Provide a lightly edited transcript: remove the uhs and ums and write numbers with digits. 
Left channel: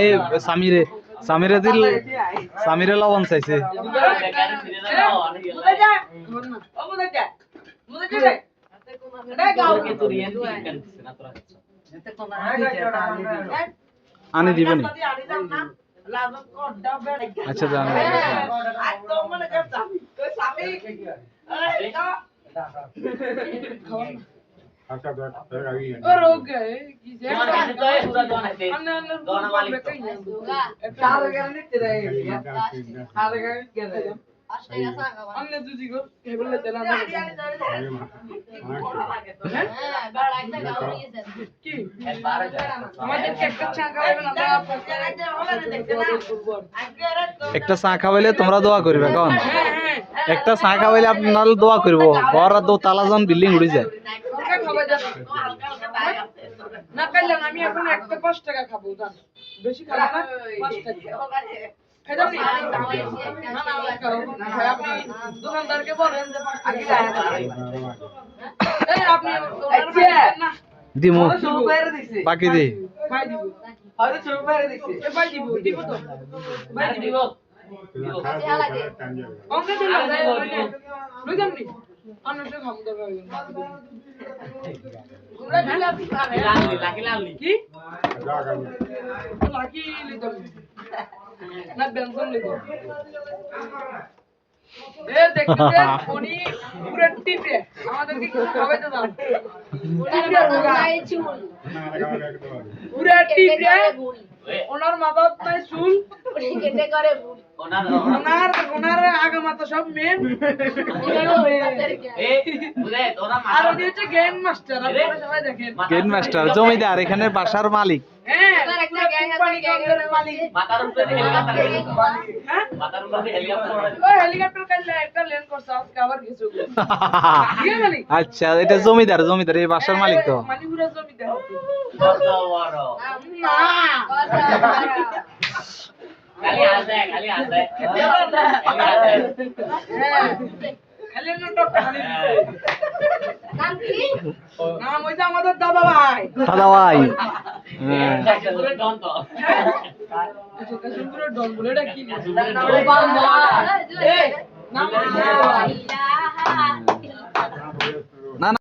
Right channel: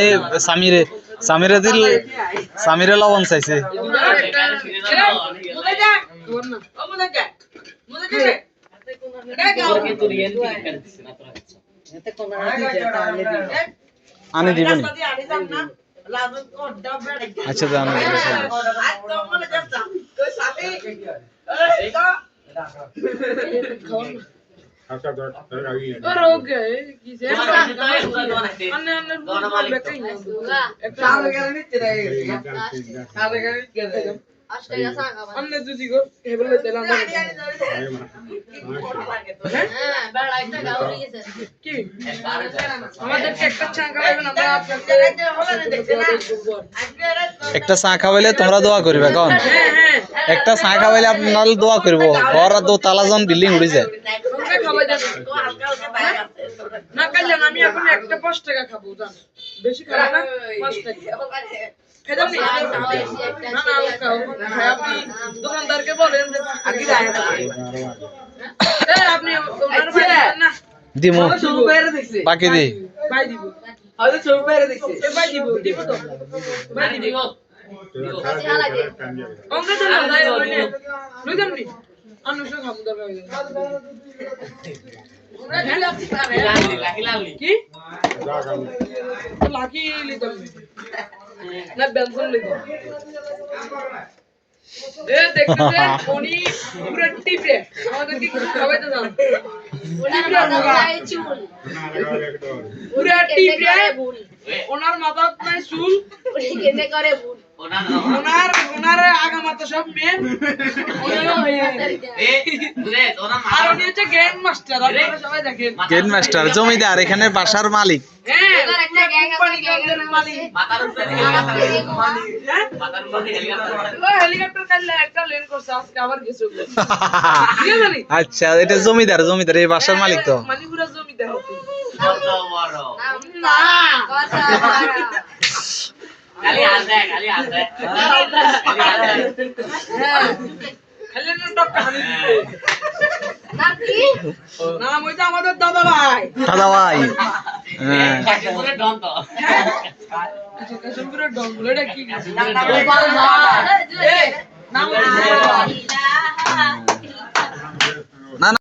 এই সামিরে দিল সামিরে লবণ চাইছে আনি দিবেন আচ্ছা জান আচ্ছা ধর আগি और हो गए कि जे अन्य अन्य बेटे ही साल गया नहीं तेरा साल गया अन्य दूसरी को टेबल पे तेला ना बड़ा একটা গাও নিয়েছে কি আমাদের একটা চা খাওয়াবেন আমরা আপনাদের দেখতে না একটা চা খাওয়াইলে তোমরা দোয়া করবে কোন একটা চা খাওয়াইলে আপনারা দোয়া করব ঘর আর দোতলা বিল্ডিং উড়ে যায় না কাইলে আমি এখন একটা 5 টাকা খাবো জান বেশি খাবো না 5 টাকা খেদাম নি না না আপনি দোকানদারকে বলেন যে আগে যায় এই আপনি না দিমু সব বাইরে দেখছে বাকি দি ভাই দিব হয়তো সব বাইরে দেখছে এ ভাই দিব দিব তো ভাই দিব কাছে লাগে অঙ্ক তো না যায় বলে লইদাম নি অনুষ খামু দবে আমরা খালি আপনি পারে লাকি কি লাকি লিদম না বেলফোন লিদম এ দেখতে উনি পুরো টিপে আমাদেরকে কিছু খাওয়াইতে জান উনি পুরো চুল পুরো টিপে ওনার মাথায় নাই চুল উনি কেটে করে ভুল ওনার আগা মাথা সব মেন এ বুঝে তোরা আর উনি হচ্ছে গ্যাং মাস্টার আপনারা সবাই দেখেন গ্যাং মাস্টার জমিদার এখানে বাসার মালিক হ্যাঁ এবার একটা গ্যাং আছে গ্যাংয়ের মালিক মাথার উপরে মালিক হ্যাঁ মাথার উপরে হেলিকপ্টার কাইলা একটা ল্যান্ড করছে আজকে আবার কিছু কি জানি আচ্ছা এটা জমিদার এই বাসার মালিক তো মালিকুরা জমিদার কত বড় না কত বড় খালি হাসে খালি হাসে খালি না টক্কা হানি নাম কি নাম হইছে আমাদের দাদা ভাই হ্যাঁ কাশিমপুরের ডন তো আচ্ছা কাশিমপুরের ডন বলে এটা কি নাম